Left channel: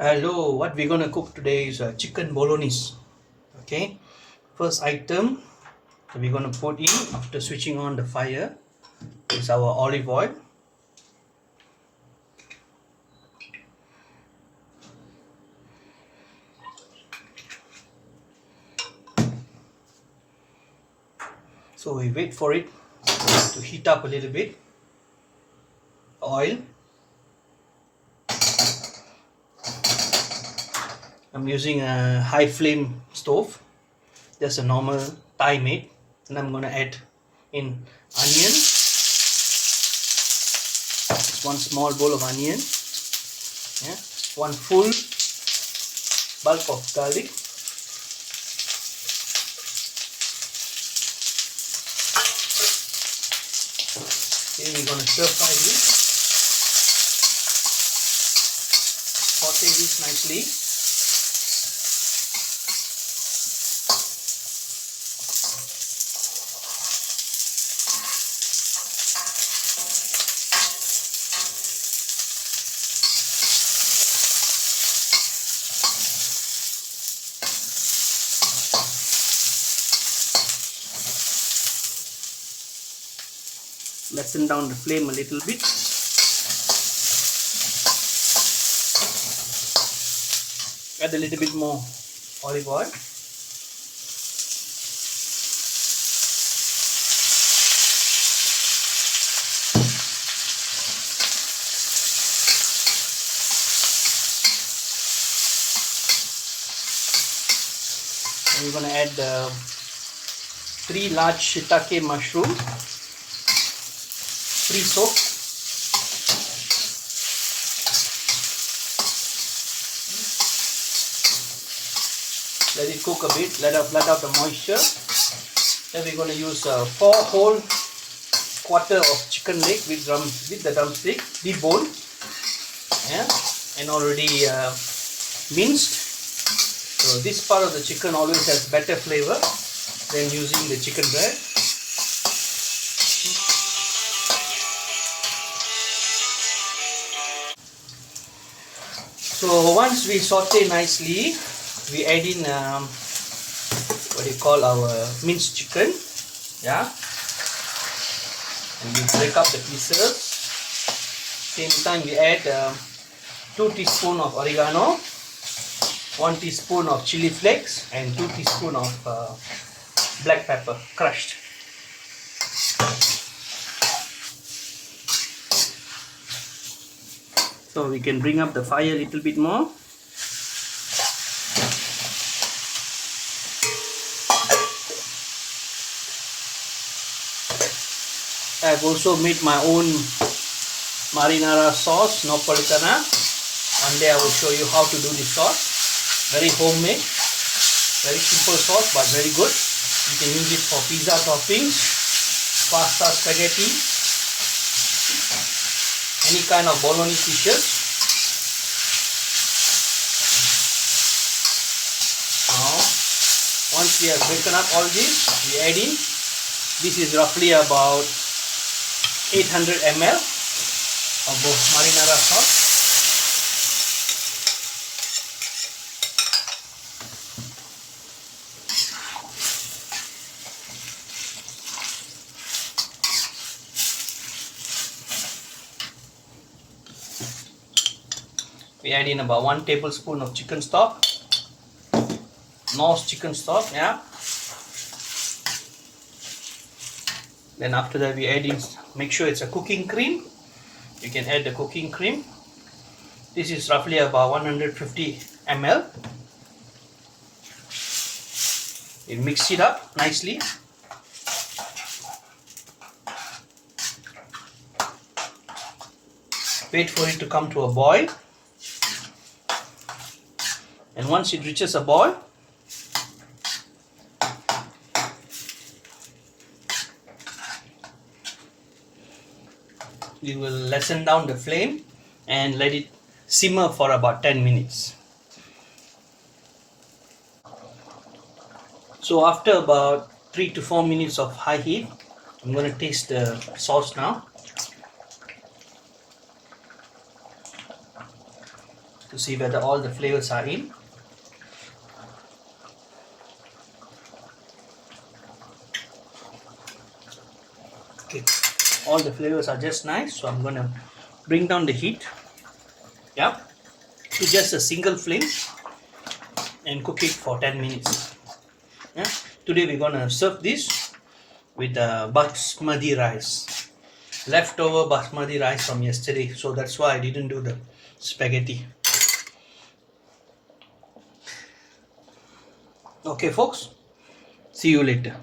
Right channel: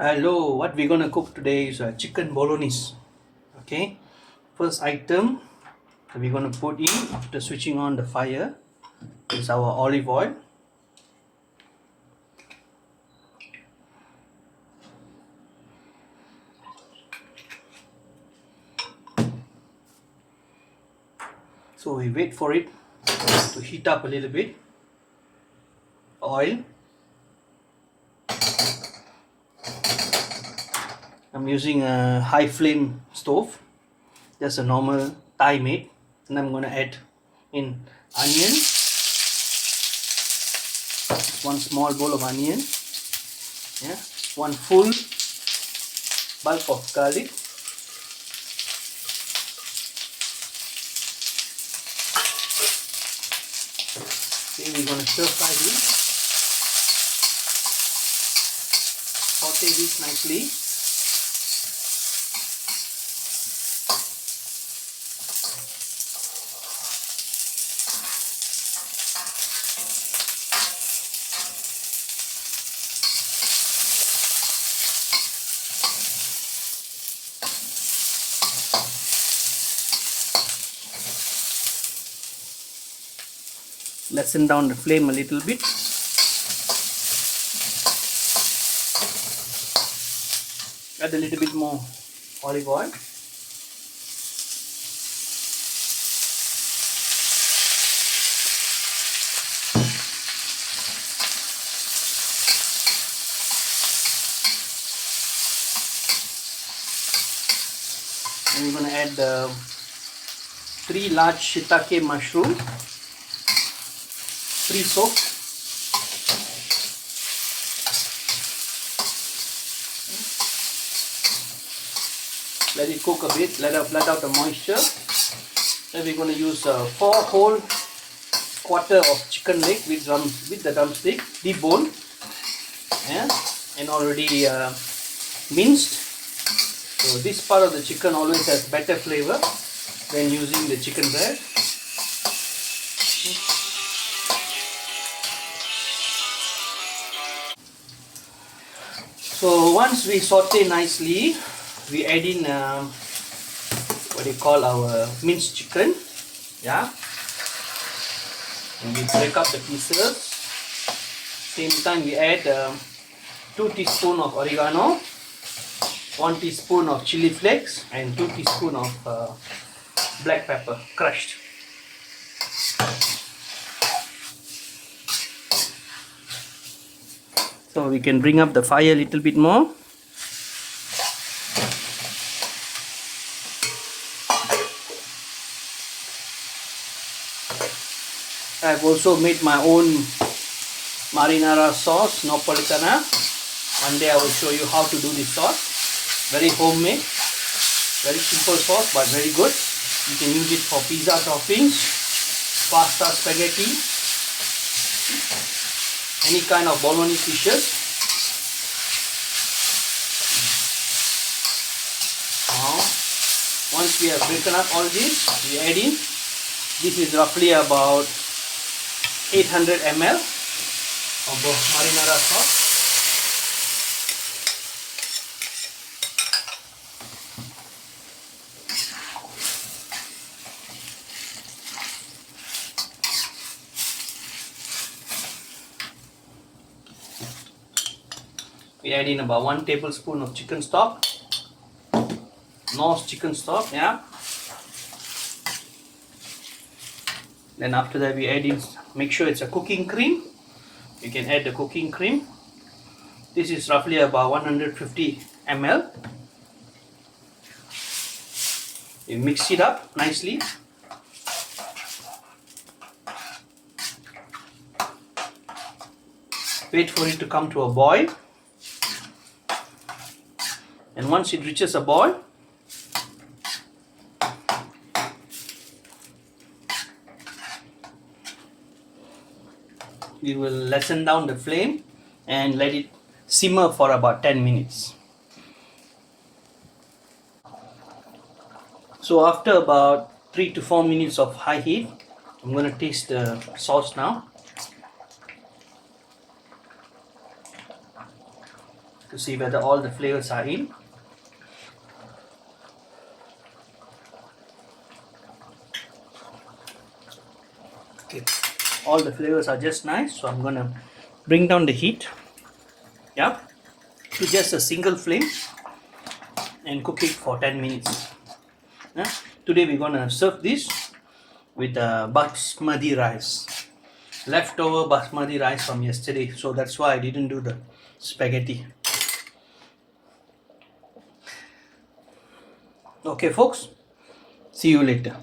Hello, what we're gonna cook today is chicken bolognese. Okay, first item that we're gonna put in after switching on the fire is our olive oil. So we wait for it to heat up a little bit. Oil. I'm using a high flame stove, just a normal Thai made, and I'm gonna add in onion. Just one small bowl of onion. Yeah, one full bulb of garlic. Okay, we're gonna stir fry this. Saute this nicely. Lessen down the flame a little bit. Add a little bit more olive oil. And we're going to add 3 large shiitake mushroom, pre-soaked. Let it cook a bit, let out the moisture. Then we're going to use 4 whole quarter of chicken leg with the drumstick, deboned, yeah, and already minced. So this part of the chicken always has better flavor than using the chicken breast. So once we saute nicely, we add in what you call our minced chicken, yeah, and we break up the pieces. Same time we add 2 teaspoons of oregano, 1 teaspoon of chili flakes, and 2 teaspoons of black pepper crushed. So we can bring up the fire a little bit more. I've also made my own marinara sauce, Napolitana. One day I will show you how to do this sauce. Very homemade, very simple sauce but very good. You can use it for pizza toppings, pasta, spaghetti, any kind of bolognese dishes. Now, once we have broken up all this, we add in. This is roughly about 800 ml of marinara sauce. We add in about 1 tablespoon of chicken stock, Norse chicken stock, yeah. Then after that we add in, make sure it's a cooking cream. You can add the cooking cream. This is roughly about 150 ml. We mix it up nicely. Wait for it to come to a boil. And once it reaches a boil, we will lessen down the flame and let it simmer for about 10 minutes. So after about 3 to 4 minutes of high heat, I'm going to taste the sauce now. to see whether all the flavors are in. Okay, all the flavors are just nice, so I'm gonna bring down the heat, yeah, to just a single flame and cook it for 10 minutes. Yeah. Today we're gonna serve this with basmati rice, leftover basmati rice from yesterday, so that's why I didn't do the spaghetti. Okay folks, see you later.